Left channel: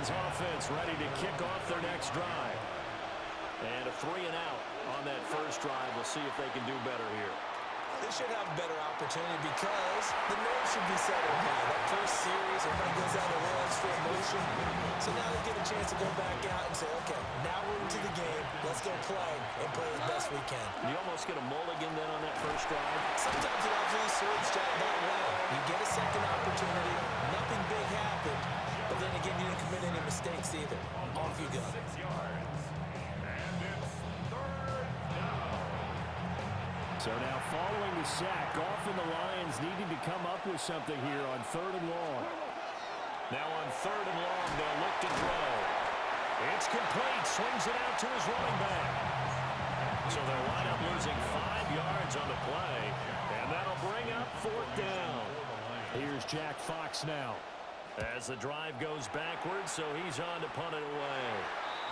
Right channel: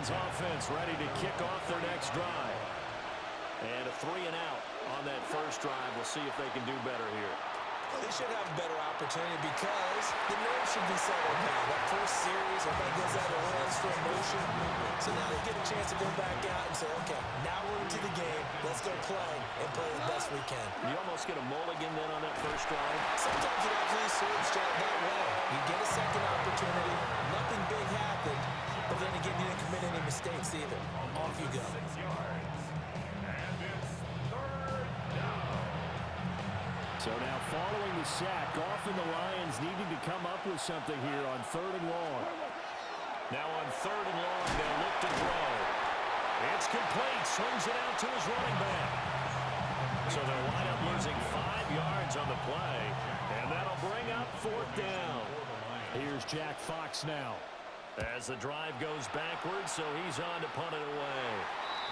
Lions offense ready to kick off their next drive. And a 3-and-out on that first drive. We'll see if they can do better here. They should have a better opportunity because the nerves should be settled now. That first series, everybody goes out a little extra emotion. So now they get a chance to go back out and say, okay, now we're into the game. Let's go play and play as best we can. You almost get a mulligan then on that first drive? Sometimes it absolutely serves Jack that way. You get a second opportunity. Nothing big happened. But then again, you didn't commit any mistakes either. Off you go. 6 yards. And it's third down. So now following the sack, often the Lions needing to come up with something here on 3rd and long. Now on 3rd and long, they'll look to throw. It's complete. Swings it out to his running back. So they'll wind up losing 5 yards on the play, and that'll bring up 4th down. Here's Jack Fox now. As the drive goes backwards, so he's on to punt it away.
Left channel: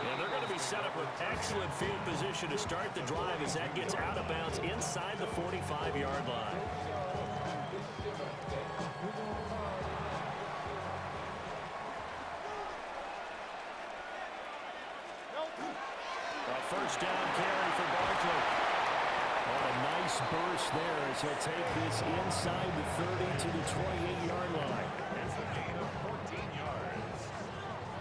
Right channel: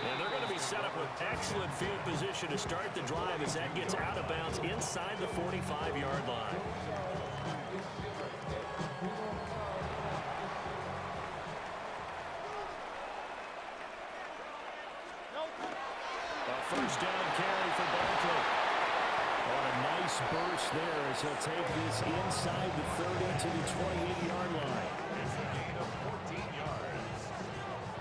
And they're going to be set up with excellent field position to start the drive as that gets out of bounds inside the 45-yard line. A first down carry for Barkley. On a nice burst there as he'll take this inside the 30 to the 28-yard line. It's a gain of 14 yards.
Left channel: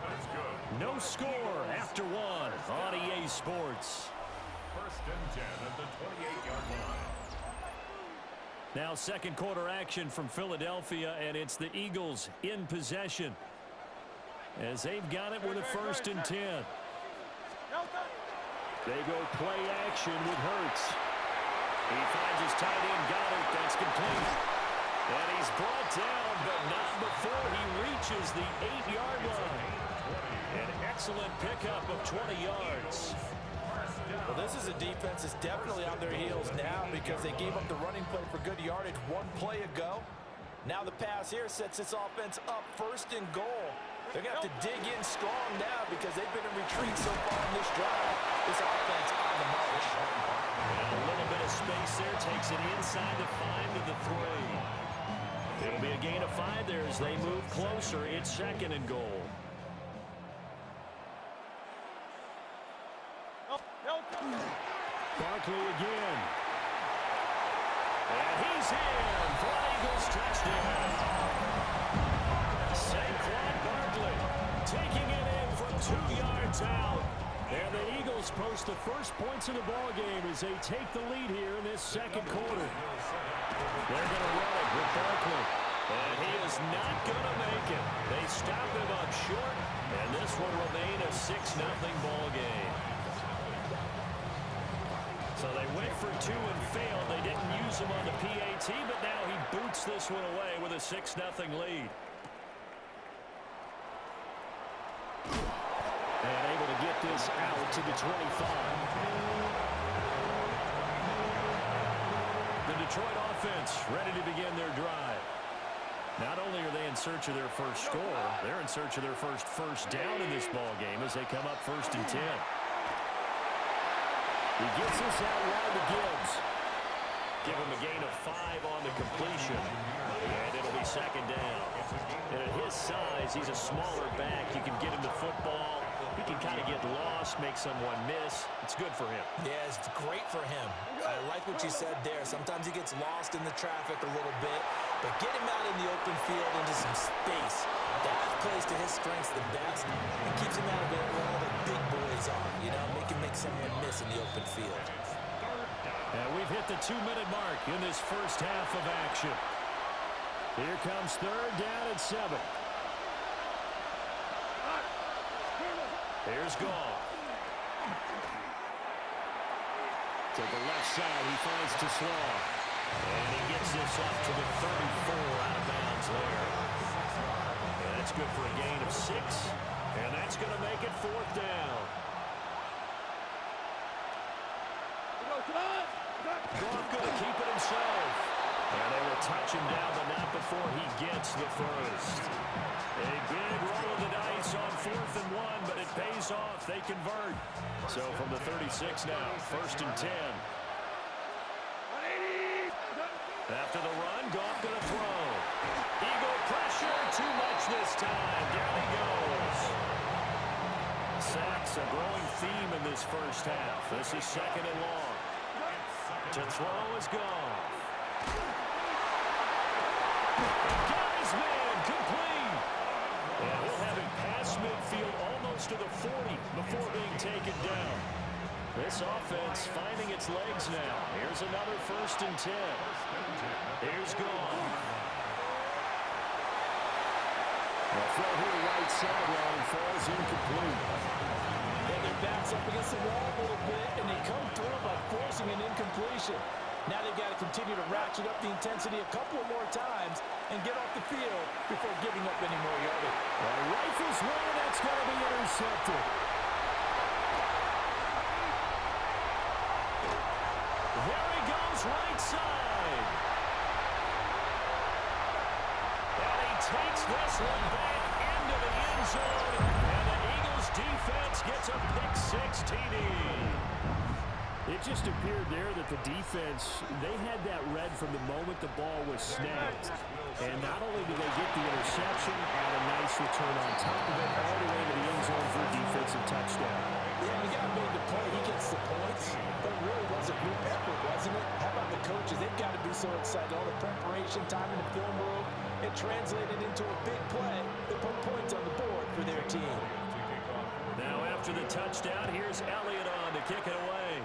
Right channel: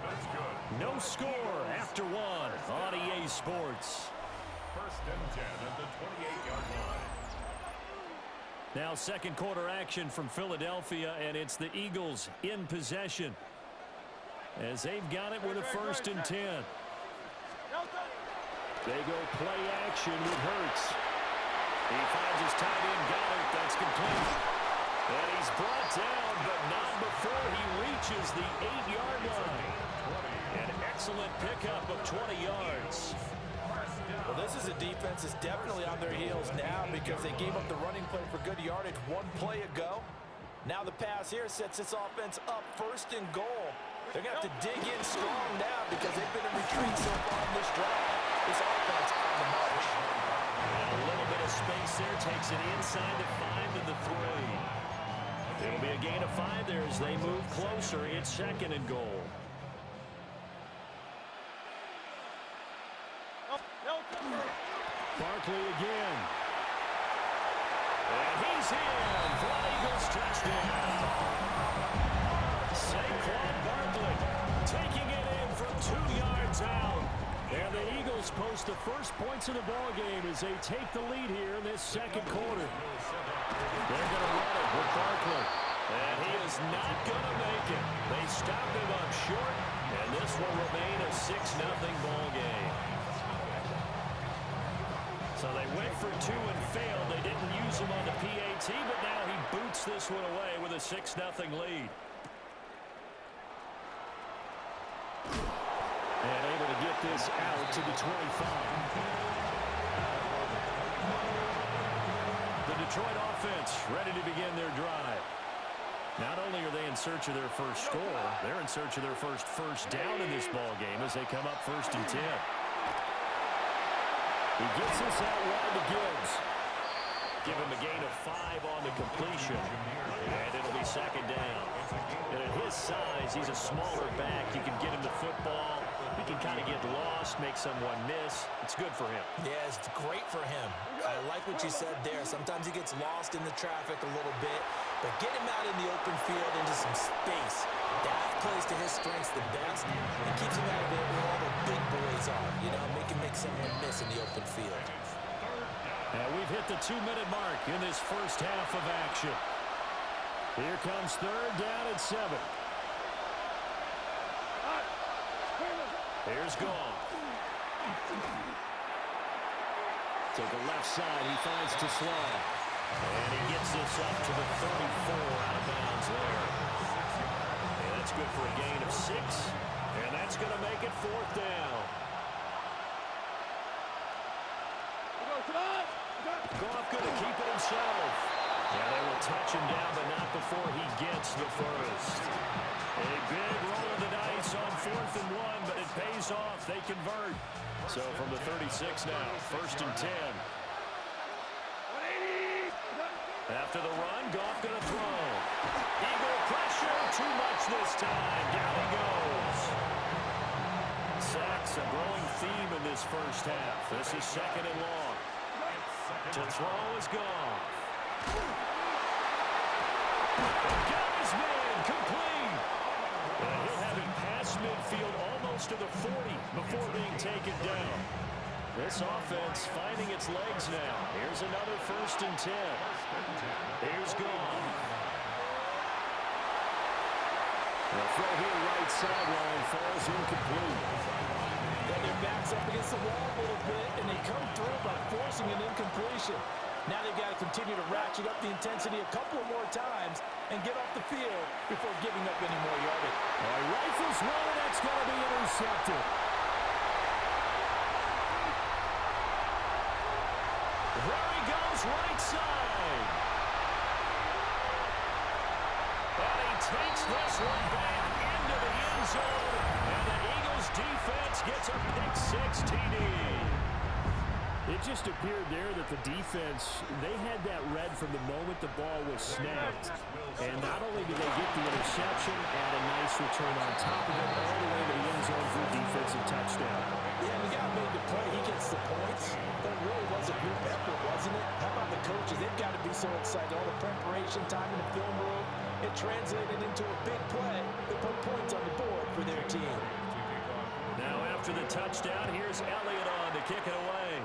That's good. No score after one on EA Sports. 1st and 10 at the 28-yard line. Now second quarter action from Philadelphia, and it's the Eagles in possession as they've got it with a 1st and 10. They go play action with Hurts. He finds his tight end Goddard. That's complete. And he's brought down, but not before he reaches the 8-yard line. An excellent pickup of 20 yards. Well, this is a defense that's definitely on their heels now because they gave up the running play for good yardage one play ago. Now the pass here sets this offense up 1st and goal. They're going to have to dig in strong now because they've been in retreat so far in this drive. This offense on the march. And a little bit of space there takes it inside the 5 to the 3. It'll be a gain of 5 there as they move closer. It's 2nd and goal. Barkley again. And he's in for an Eagles touchdown. Saquon Barkley taking it in from 2 yards out. And the Eagles post the first points of the ball game as they take the lead here in this second quarter. They're going to run it with Barkley. And he is not going to make it. They stop him up short, and this will remain a 6-0 ball game. So they went for 2 and failed. They didn't use him on the PAT, but now he boots this one away with a 6-0 lead. And able to get this out to the 25. The Detroit offense ready to begin their drive. Not only are they in search of their first score, they're in search of their first down in this ball game as they come up 1st and 10. He gets this out wide to Gibbs. Give him a gain of 5 on the completion. And it'll be 2nd down. And at his size, he's a smaller back. You can get him the football. He can kind of get lost, make someone miss. It's good for him. Yeah, it's great for him. I like what you said there. Sometimes he gets lost in the traffic a little bit. But get him out in the open field into some space. That plays to his strengths the best and keeps him out of it where all the big boys are. You know, make someone miss in the open field. And we've hit the 2-minute mark in this first half of action. Here comes 3rd down and 7. Here's Goff. To the left side, he finds Tesla. And he gets this up to the 34 out of bounds there. And that's good for a gain of 6. And that's going to make it 4th down. Goff going to keep it himself. And they will touch him down, but not before he gets the first. A big roll of the dice on 4th and 1, but it pays off. They convert. So from the 36 now, 1st and 10. After the run, Goff going to throw. Eagle pressure, too much this time. Down he goes. It's a growing theme in this first half. This is second and long. To throw is Goff. Got his man complete. And he'll have it past midfield almost to the 40 before being taken down. This offense finding its legs now. Here's another 1st and 10. Here's Goff. The throw here right sideline falls incomplete. And their back's up against the wall a little bit, and they come through by forcing an incompletion. Now they've got to continue to ratchet up the intensity a couple of more times and get off the field before giving up any more yardage. Well, he rifles one, and that's going to be intercepted. There he goes, right side. And he takes this one back into the end zone, and the Eagles defense gets a pick-6 TD. It just appeared there that the defense, they had that read from the moment the ball was snapped. And not only did they get the interception, add a nice return on top of it, all the way to the end zone for a defensive touchdown. Yeah, the guy made the play. He gets the points. But it really was a group effort, wasn't it? How about the coaches? They've got to be so excited. All the preparation time in the film room, it translated into a big play that put points on the board for their team. Now after the touchdown, here's Elliott on to kick it away.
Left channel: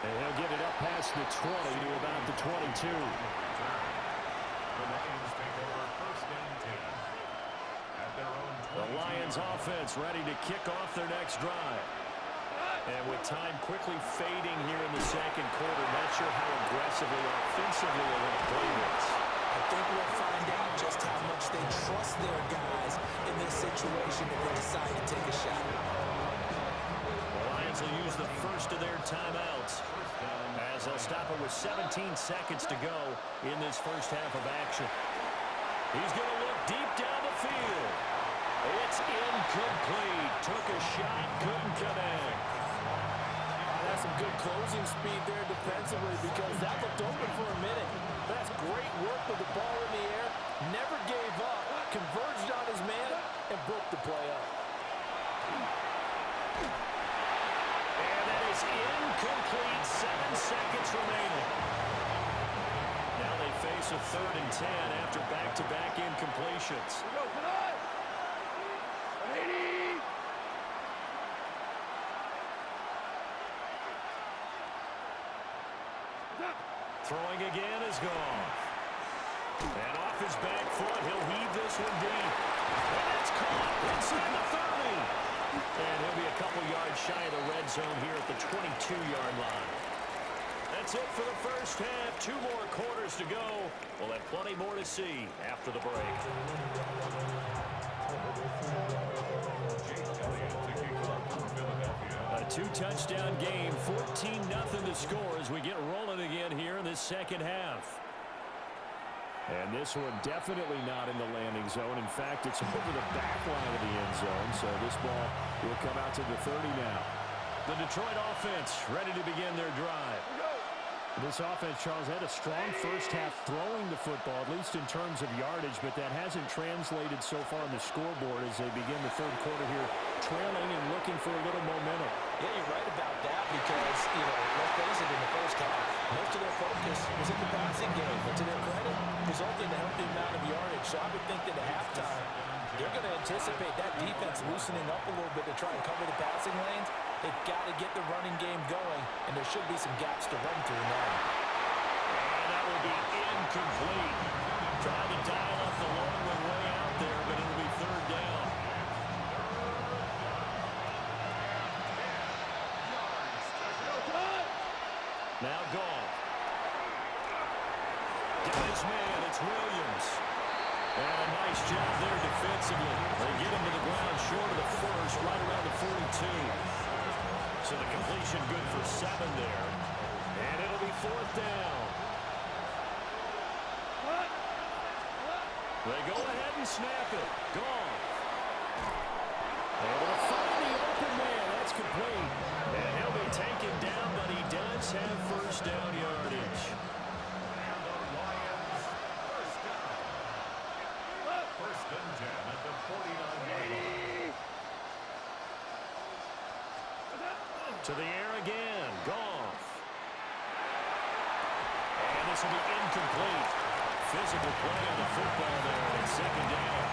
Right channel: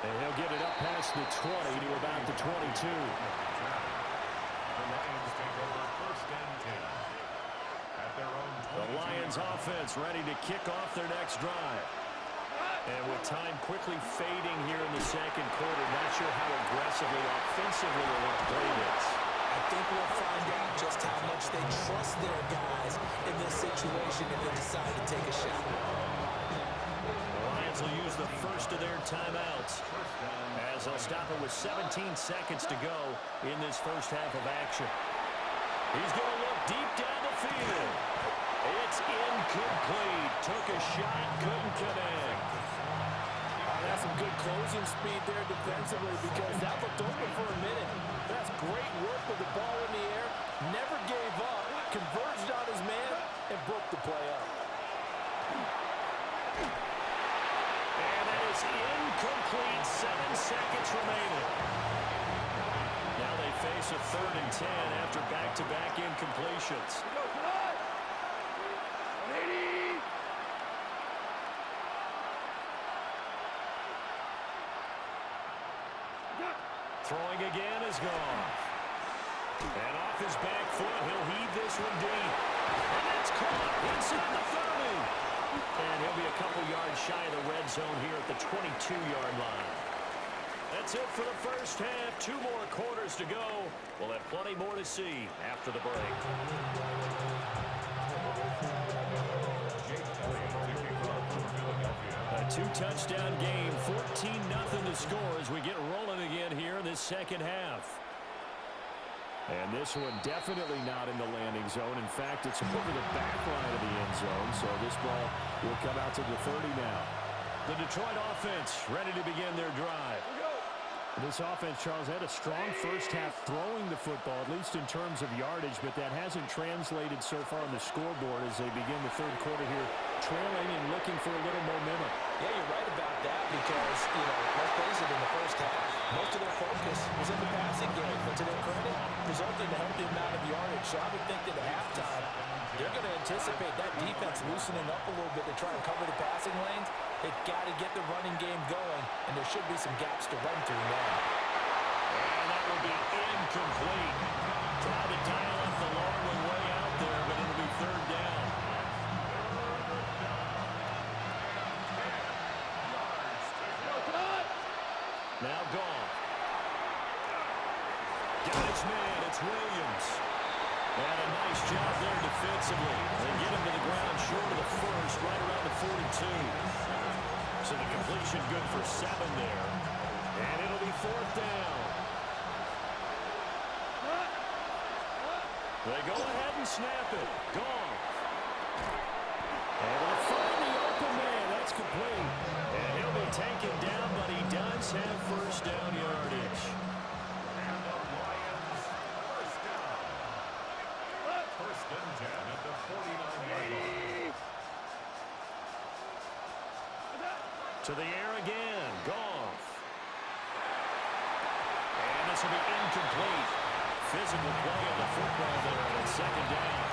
And he'll get it up past the 20 to about the 22. The Lions take over 1st and 10 at their own 22. The Lions offense ready to kick off their next drive. And with time quickly fading here in the second quarter, not sure how aggressively, offensively they want to play this. I think we'll find out just how much they trust their guys in this situation if they decide to take a shot. The Lions will use the first of their timeouts as they'll stop it with 17 seconds to go in this first half of action. He's going to look deep down the field. It's incomplete. Took a shot, couldn't connect. That's some good closing speed there defensively because that looked open for a minute. That's great work with the ball in the air. Never gave up, converged on his man, and broke the play up. And that is incomplete. 7 seconds remaining. Now they face a 3rd and 10 after back-to-back incompletions. Throwing again is Goff. And off his back foot, he'll heave this one deep. And that's caught inside the 30. And he'll be a couple yards shy of the red zone here at the 22-yard line. That's it for the first half. 2 more quarters to go. We'll have plenty more to see after the break. A 2-touchdown game, 14-0 to score as we get rolling again here in this second half. And this one definitely not in the landing zone. In fact, it's over the back line of the end zone, so this ball will come out to the 30 now. The Detroit offense ready to begin their drive. This offense, Charles, had a strong first half throwing the football, at least in terms of yardage, but that hasn't translated so far on the scoreboard as they begin the third quarter here, trailing and looking for a little momentum. Yeah, you're right about that because, let's face it, in the first half, most of their focus was in the passing game, but to their credit, resulted in a healthy amount of yardage. So I would think that at halftime, they're going to anticipate that defense loosening up a little bit to try and cover the passing lanes. They've got to get the running game going, and there should be some gaps to run through now. And that will be incomplete. Tried to dial up the long one way out there, but it'll be 3rd down. Now gone. Got his man. It's Williams. And a nice job there defensively. They get him to the ground short of the first, right around the 42. So the completion good for 7 there. And it'll be 4th down. They go ahead and snap it. Gone. Able to find the open man. That's complete. And he'll be taken down, but he does have first down yardage. And the Lions first down. To the air again. Goff. And this will be incomplete. Physical play on the football there, and it's second down.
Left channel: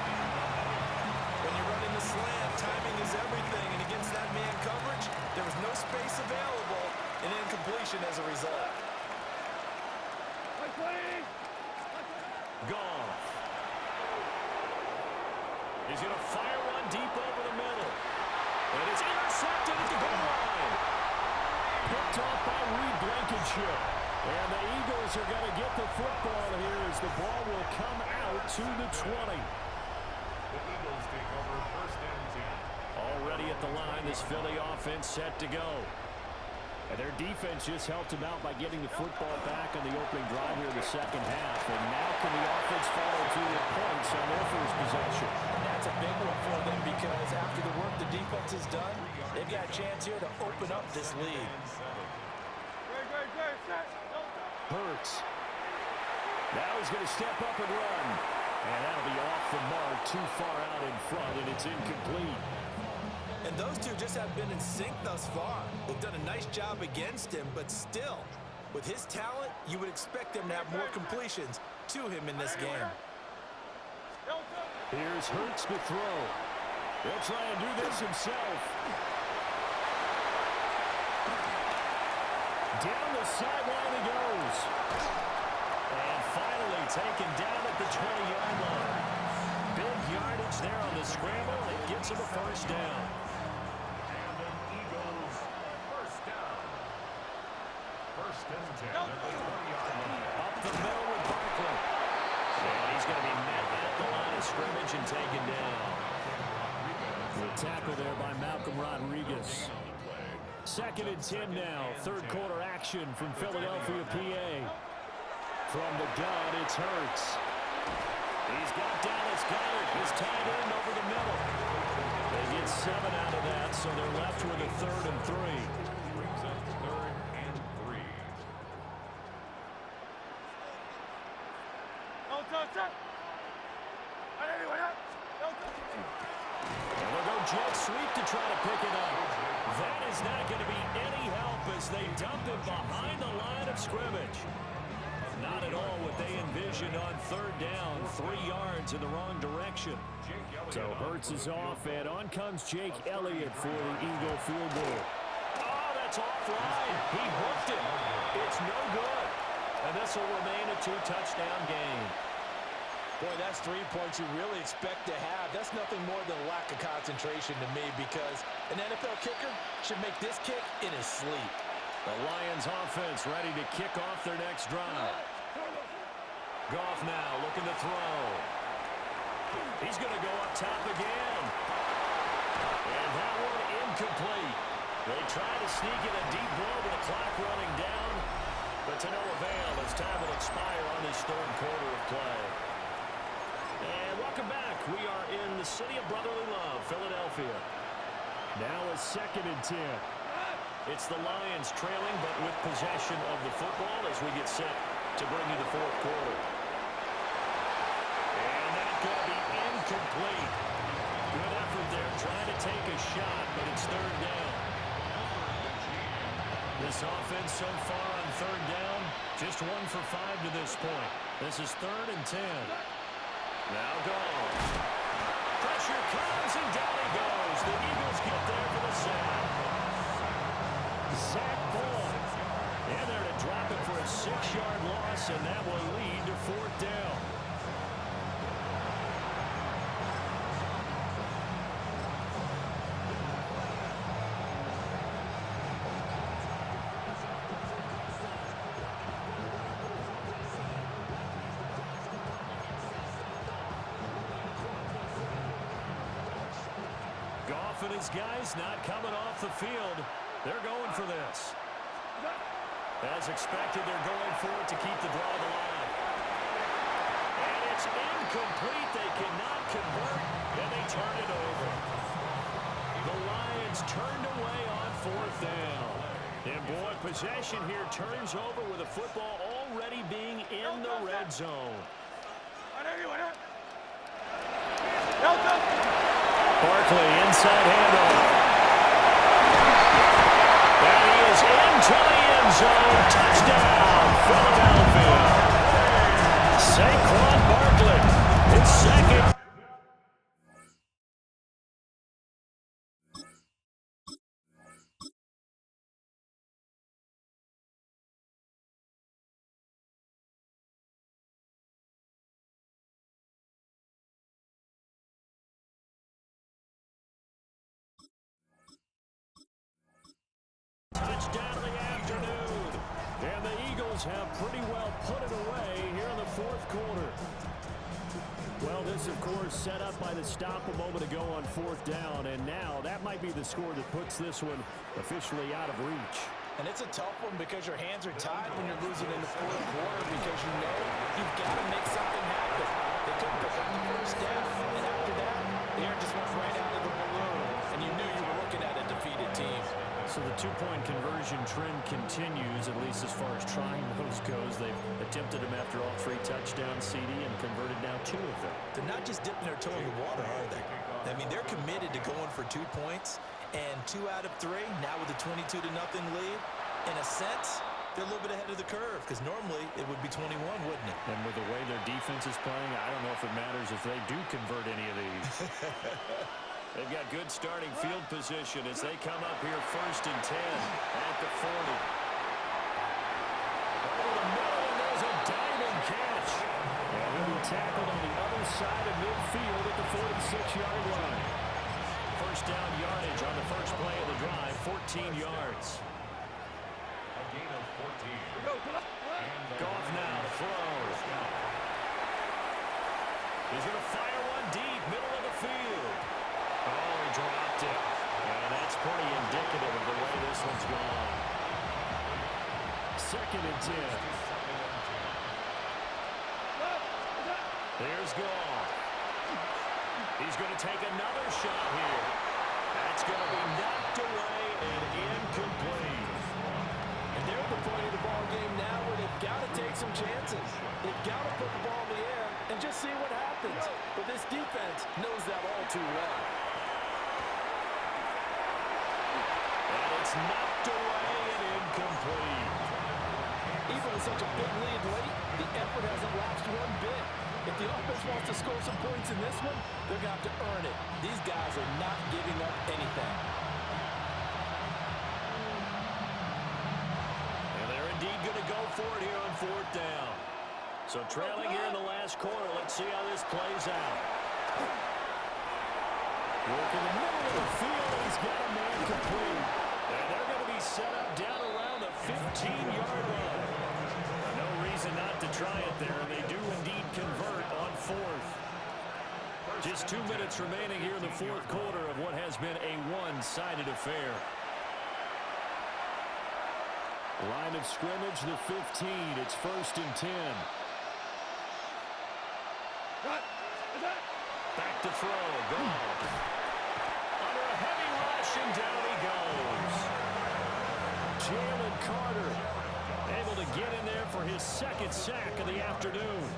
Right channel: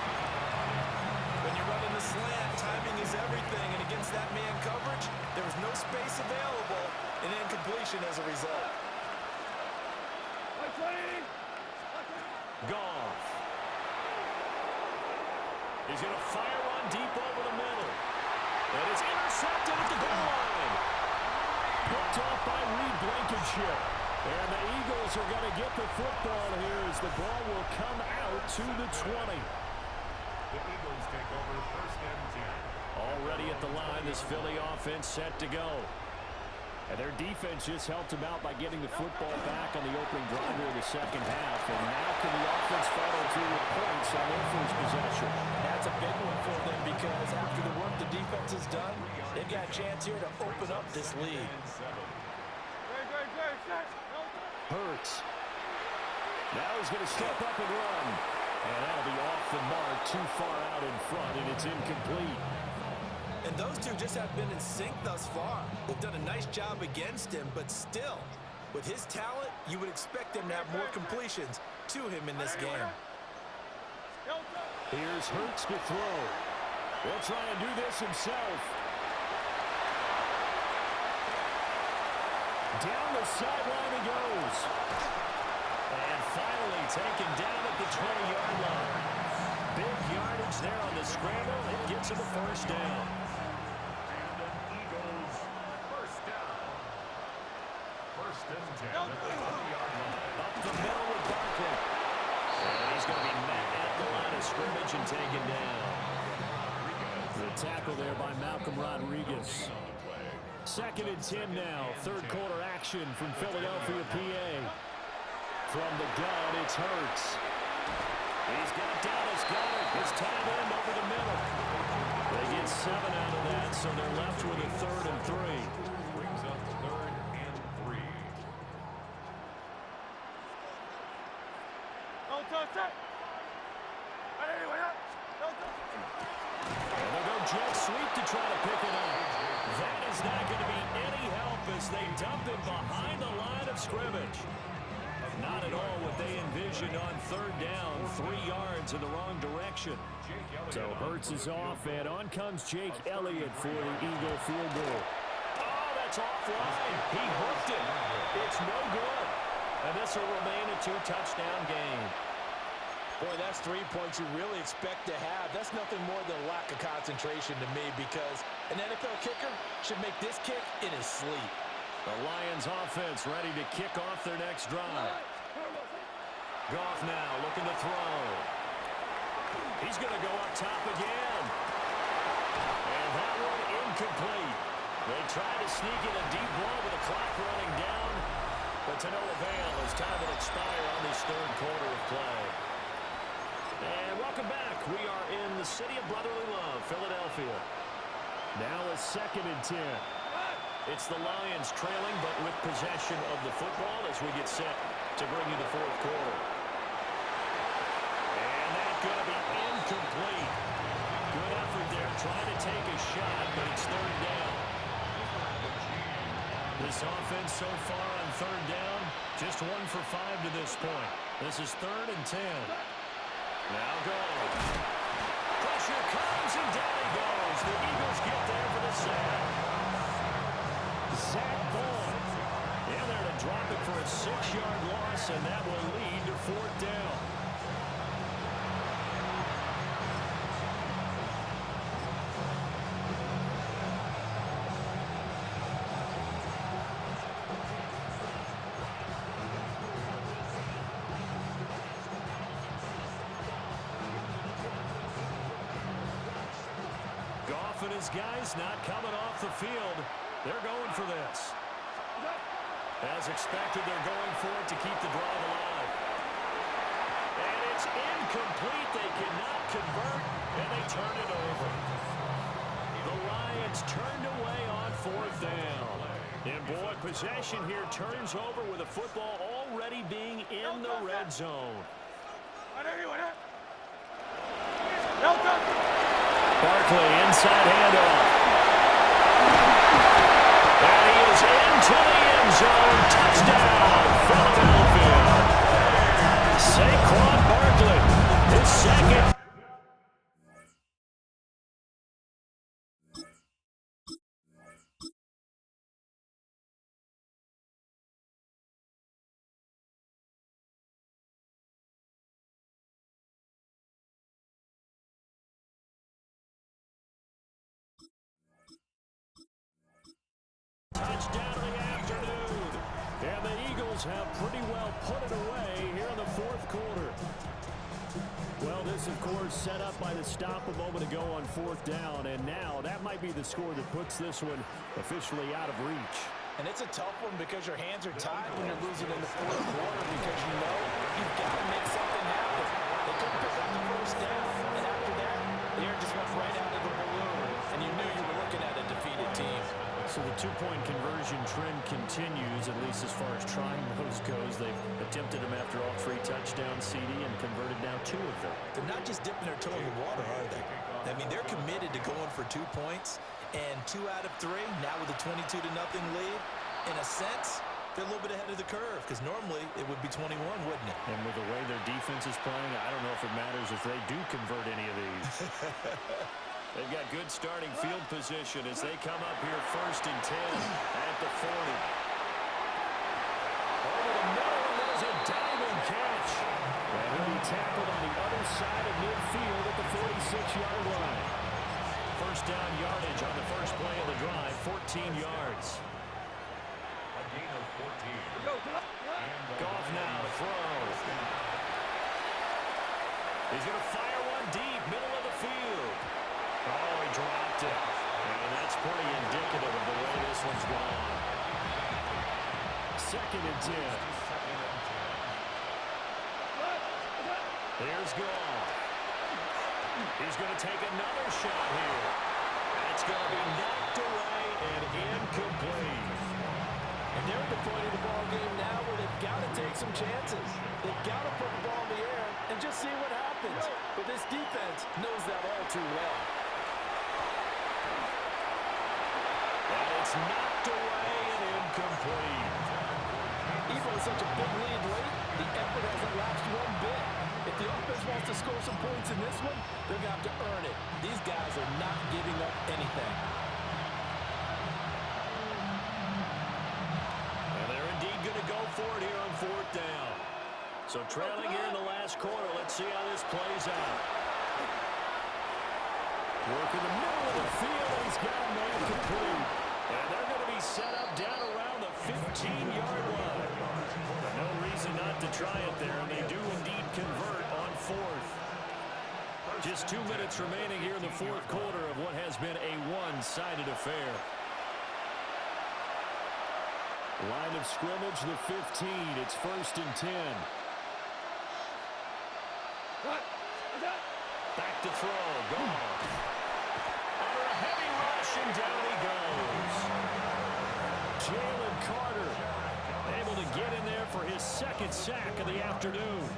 When you run in the slant, timing is everything, and against that man coverage, there was no space available, and incompletion as a result. Goff. He's going to fire one deep over the middle. And it's intercepted at the goal line. Picked off by Reed Blankenship. And the Eagles are going to get the football here as the ball will come out to the 20. The Eagles take over first and 10. Already at the line, this Philly offense set to go. And their defense just helped them out by getting the football back on the opening drive here in the second half. And now can the offense follow through with points on their first possession? And that's a big one for them because after the work the defense has done, they've got a chance here to open up this lead. Hurts. Now he's going to step up and run. And that'll be off the mark, too far out in front, and it's incomplete. And those two just have been in sync thus far. They've done a nice job against him, but still, with his talent, you would expect him to have more completions to him in this game. Here's Hurts to throw. He'll try and do this himself. Down the sideline he goes. And finally taken down at the 20-yard line. Big yardage there on the scramble. It gets him a first down. And an Eagles first down. First and 10 at the 20-yard line. Up the middle with Barkley. And he's going to be met at the line of scrimmage and taken down. The tackle there by Malcolm Rodriguez. Second and 10 now. Third quarter action from Philadelphia, PA. From the gun, it's Hurts. He's got Dallas Goedert, his tight end over the middle. They get 7 out of that, so they're left with a 3rd and 3. Brings up 3rd and 3. And they'll go jet sweep to try to pick it up. That is not going to be any help as they dump him behind the line of scrimmage. Not at all what they envisioned on 3rd down, 3 yards in the wrong direction. So Hurts is off, and on comes Jake Elliott for the Eagle field goal. Oh, that's offline. He hooked it. It's no good. And this will remain a 2-touchdown game. Boy, that's 3 points you really expect to have. That's nothing more than a lack of concentration to me because an NFL kicker should make this kick in his sleep. The Lions offense ready to kick off their next drive. Goff now looking to throw. He's going to go up top again. And that one incomplete. They try to sneak in a deep ball with the clock running down, but to no avail as time will expire on this 3rd quarter of play. And welcome back. We are in the city of brotherly love, Philadelphia. Now a 2nd and 10. It's the Lions trailing, but with possession of the football as we get set to bring you the 4th quarter. And that's going to be incomplete. Good effort there, trying to take a shot, but it's 3rd down. This offense so far on 3rd down, just 1 for 5 to this point. This is 3rd and 10. Now goes. Pressure comes, and down he goes. The Eagles get there for the sack. Zach Boyd in there to drop it for a 6-yard loss, and that will lead to 4th down. Goff and his guys not coming off the field. They're going for this. As expected, they're going for it to keep the drive alive. And it's incomplete. They cannot convert, and they turn it over. The Lions turned away on 4th down. And boy, possession here turns over with the football already being in the red zone. Barkley, inside handoff. goes into the end zone. Touchdown, Philadelphia. Saquon Barkley, his second. Touchdown of the afternoon. And the Eagles have pretty well put it away here in the fourth quarter. Well, this, of course, set up by the stop a moment ago on fourth down. And now that might be the score that puts this one officially out of reach. And it's a tough one because your hands are tied when you're losing in the fourth quarter because you know you've got to make something happen. They couldn't pick up the first down. And after that, the air just went right out of the balloon. And you knew you were looking at a defeated team. So the two-point conversion trend continues, at least as far as trying those goes. They've attempted them after all three touchdowns, CD, and converted now 2 of them. They're not just dipping their toe in the water, are they? I mean, they're committed to going for 2 points, and 2 out of 3, now with a 22-0 lead. In a sense, they're a little bit ahead of the curve, because normally it would be 21, wouldn't it? And with the way their defense is playing, I don't know if it matters if they do convert any of these. They've got good starting field position as they come up here 1st and 10 at the 40. Over the middle, and there's a diving catch. And he'll be tackled on the other side of midfield at the 46-yard line. First down yardage on the first play of the drive, 14 yards. A gain of 14. Goff now to throw. He's going to fire one deep, middle of the field. Oh, he dropped it. And that's pretty indicative of the way this one's gone. 2nd and 10. Here's Goff. He's going to take another shot here. That's going to be knocked away and incomplete. And they're at the point of the ball game now where they've got to take some chances. They've got to put the ball in the air and just see what happens. But this defense knows that all too well. And it's knocked away and incomplete. Even with such a big lead late, the effort hasn't lapsed one bit. If the offense wants to score some points in this one, they're going to have to earn it. These guys are not giving up anything. Indeed going to go for it here on 4th down. So trailing here in the last quarter. Let's see how this plays out. Work in the middle of the field, and he's got a man complete. And they're going to be set up down around the 15-yard line. No reason not to try it there, and they do indeed convert on 4th. Just 2 minutes remaining here in the fourth quarter of what has been a one-sided affair. Line of scrimmage, the 15. It's 1st and 10. Back to throw. Goff. Under a heavy rush, and down he goes. Jalen Carter able to get in there for his 2nd sack of the afternoon.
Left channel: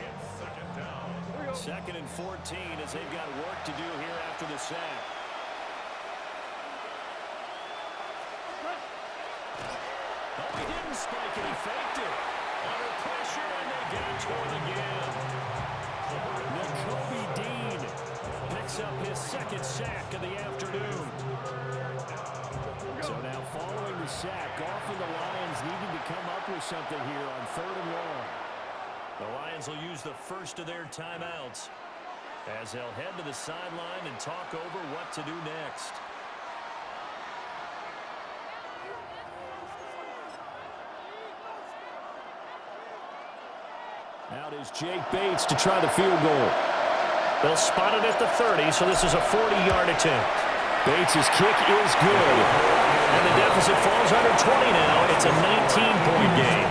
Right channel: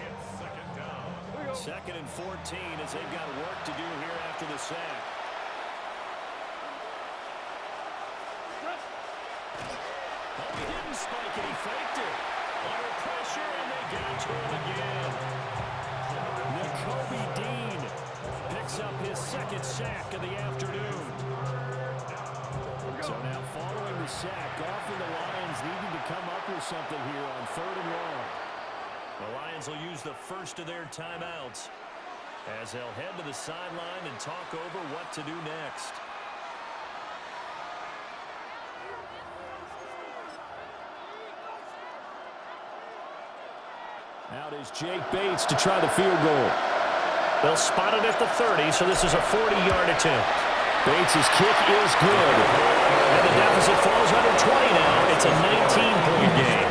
It's 2nd down. 2nd and 14 as they've got work to do here after the sack. Oh, he didn't spike it. He faked it. Under pressure, and they got to him again. Nakobe Dean picks up his 2nd sack of the afternoon. So now following the sack, Goff and the Lions needing to come up with something here on 3rd and long. The Lions will use the first of their timeouts as they'll head to the sideline and talk over what to do next. Out is Jake Bates to try the field goal. They'll spot it at the 30, so this is a 40-yard attempt. Bates' kick is good. And the deficit falls under 20 now. It's a 19-point game.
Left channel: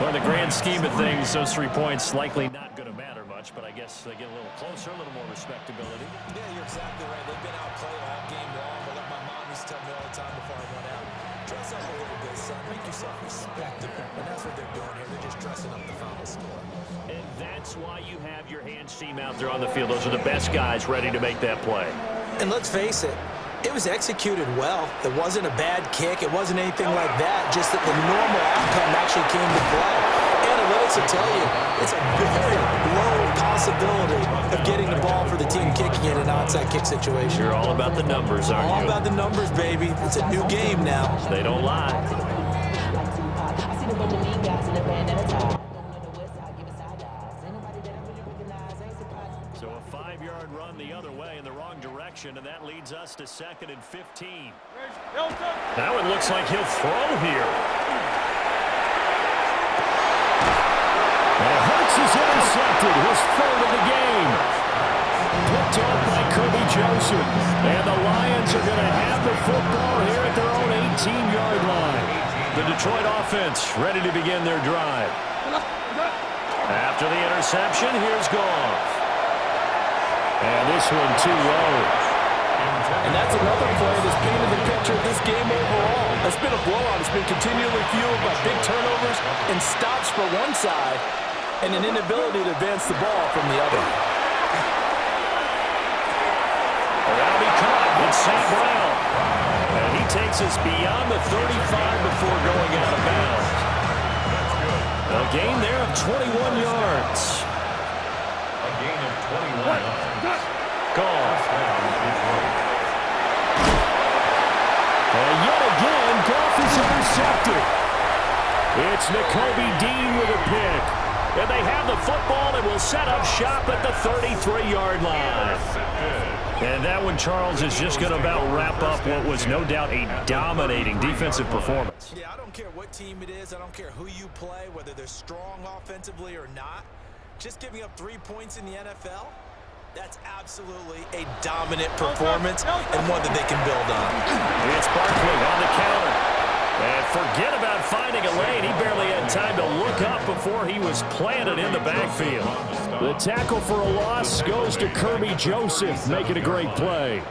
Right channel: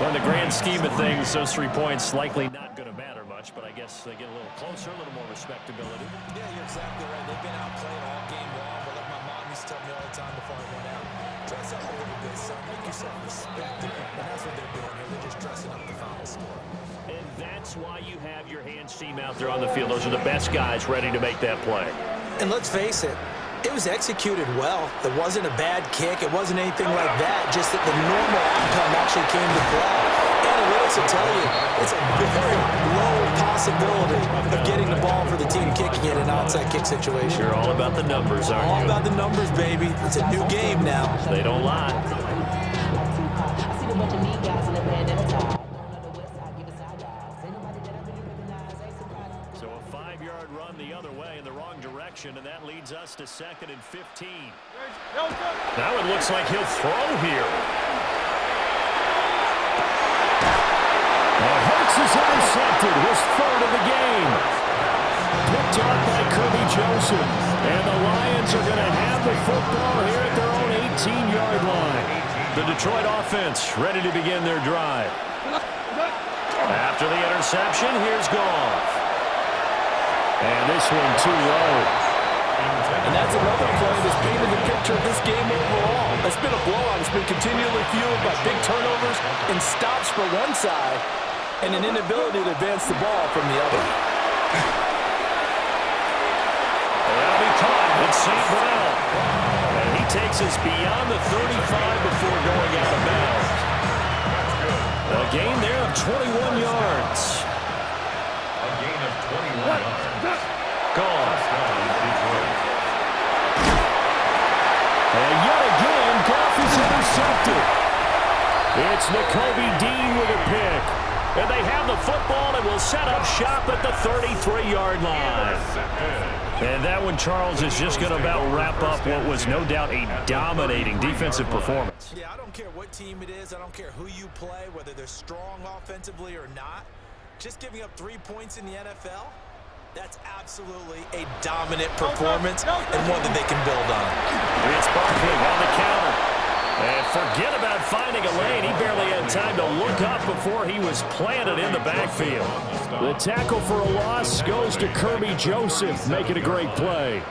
Well, in the grand scheme of things, those 3 points likely not going to matter much, but I guess they get a little closer, a little more respectability. Yeah, you're exactly right. They've been outplayed all game long, but like my mom used to tell me all the time before I went out, dress up a little bit, son. Make yourself respectable. And that's what they're doing here. They're just dressing up the final score. And that's why you have your hands team out there on the field. Those are the best guys ready to make that play. And let's face it, It was executed well. It wasn't a bad kick. It wasn't anything like that, just that the normal outcome actually came to play. Analytics will tell you it's a very low possibility of getting the ball for the team kicking it in an onside kick situation. You're all about the numbers, aren't you? All about the numbers, baby. It's a new game now. They don't lie. I seen a bunch of mean guys in the band and a tie. So a 5-yard run the other way in the wrong direction, and that leads us to 2nd and 15. Now it looks like he'll throw here. And Hurts is intercepted, his 3rd of the game. Picked off by Kirby Joseph. And the Lions are going to have the football here at their own 18-yard line. The Detroit offense ready to begin their drive. After the interception, here's Goff. And this one too low. And that's another play that's painted the picture of this game overall. It's been a blowout. It's been continually fueled by big turnovers and stops for one side and an inability to advance the ball from the other. That'll be caught. It's St. Brown. And he takes us beyond the 35 before going out of bounds. A gain there of 21 yards. A gain of 21 yards. Gone. Detroit. And yet again, Goff is intercepted. It's Nakobe Dean with a pick. And they have the football and will set up shop at the 33-yard line. And that one, Charles, is just going to about wrap up what was no doubt a dominating defensive performance. Yeah, I don't care what team it is. I don't care who you play, whether they're strong offensively or not. Just giving up 3 points in the NFL, that's absolutely a dominant performance and one that they can build on. It's Barkley on the counter. And forget about finding a lane. He barely had time to look up before he was planted in the backfield. The tackle for a loss goes to Kirby Joseph, making a great play.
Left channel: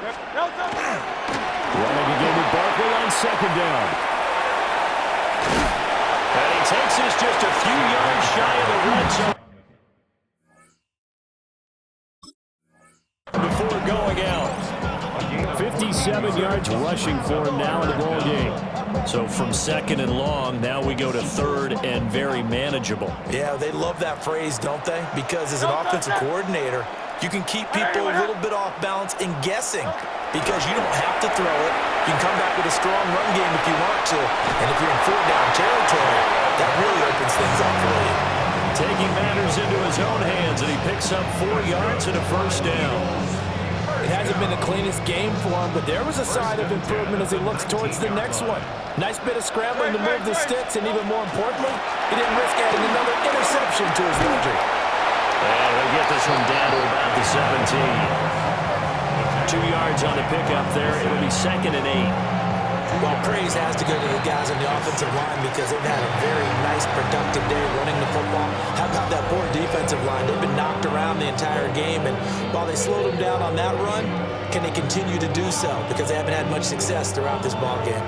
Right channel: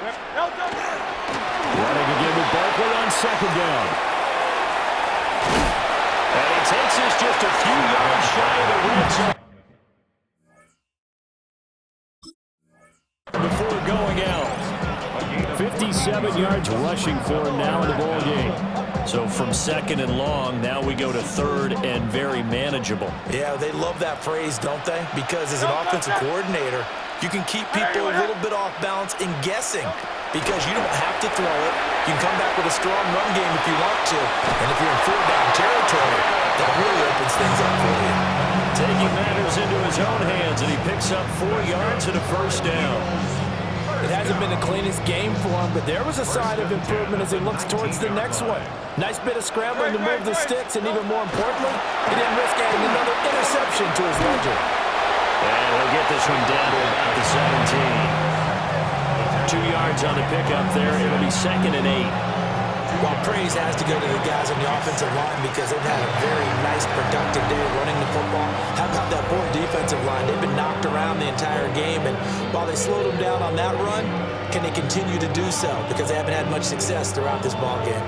Running again with Barkley on 2nd down. And he takes us just a few yards shy of the red zone before going out. 57 yards rushing for him now in the ball game. So from 2nd and long, now we go to 3rd and very manageable. Yeah, they love that phrase, don't they? Because as an offensive coordinator, you can keep people a little bit off balance and guessing because you don't have to throw it. You can come back with a strong run game if you want to. And if you're in 4-down territory, that really opens things up for you. Taking matters into his own hands, and he picks up 4 yards and a 1st down. It hasn't been the cleanest game for him, but there was a sign of improvement as he looks towards the next one. Nice bit of scrambling to move the sticks, and even more importantly, he didn't risk adding another interception to his ledger. And he'll get this one down to about the 17. 2 yards on the pickup there. It'll be 2nd and 8. Well, praise has to go to the guys on the offensive line because they've had a very nice, productive day running the football. How about that poor defensive line? They've been knocked around the entire game, and while they slowed them down on that run, can they continue to do so? Because they haven't had much success throughout this ball game.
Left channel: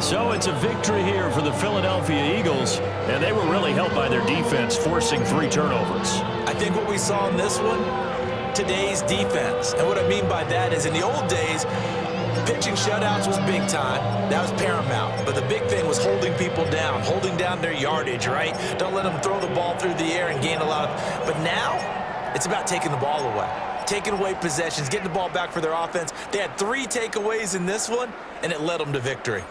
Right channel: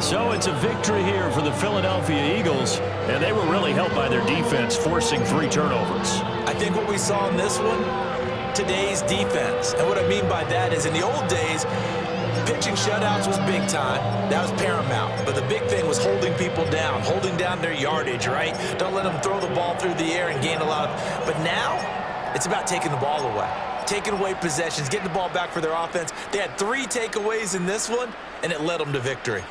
So it's a victory here for the Philadelphia Eagles, and they were really helped by their defense, forcing 3 turnovers. I think what we saw in this one, today's defense. And what I mean by that is in the old days, pitching shutouts was big time. That was paramount. But the big thing was holding people down, holding down their yardage, right? Don't let them throw the ball through the air and gain a lot of... But now, it's about taking the ball away. Taking away possessions, getting the ball back for their offense. They had 3 takeaways in this one, and it led them to victory.